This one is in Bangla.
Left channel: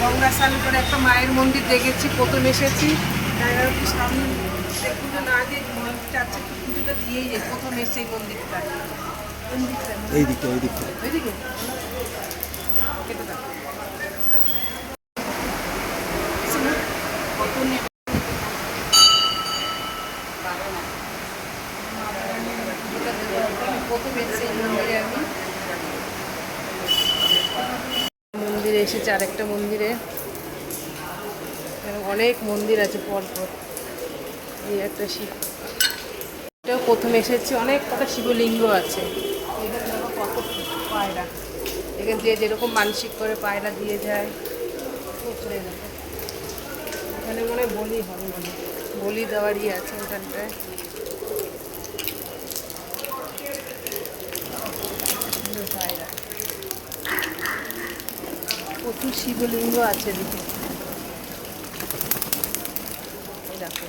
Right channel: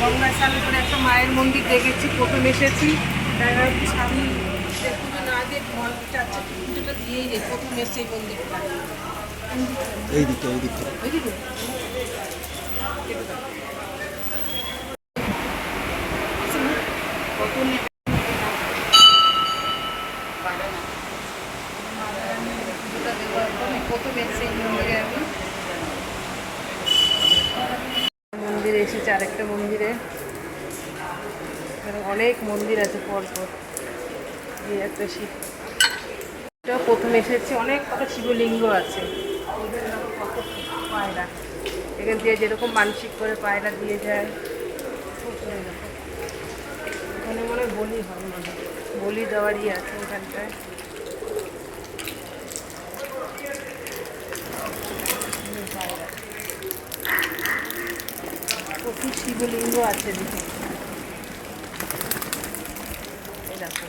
গঙ্গা স্নান করে একটা মায়ের মন্দির দেখেছি, প্রথম এসেছি। সামনে পুজো না দিয়ে মন্দিরটা আছে, পুজোটা দিয়েই যাই। প্রথম এসে এই মন্দিরটা এইদিকে এইদিকে ওইদিকে মন্দিরে এসেছে, আরেকটা মন্দিরে। অনেক মন্দির আছে পরপর। এই একটা শিব, এটা প্রথম এসেছি। অনেক কটা শিবলিঙ্গ আছে। এদের দেখো কত পায়রা, এখানে যে যেরকম মানসিক করে পায়রা দিয়ে যায়। দেখো এখানে মনে হয় বলি হয়, মানে বলি দেওয়ারই আছে এখানটায়। পায়রা প্রচুর শিবলিঙ্গ আছে দিকে। এই দেখো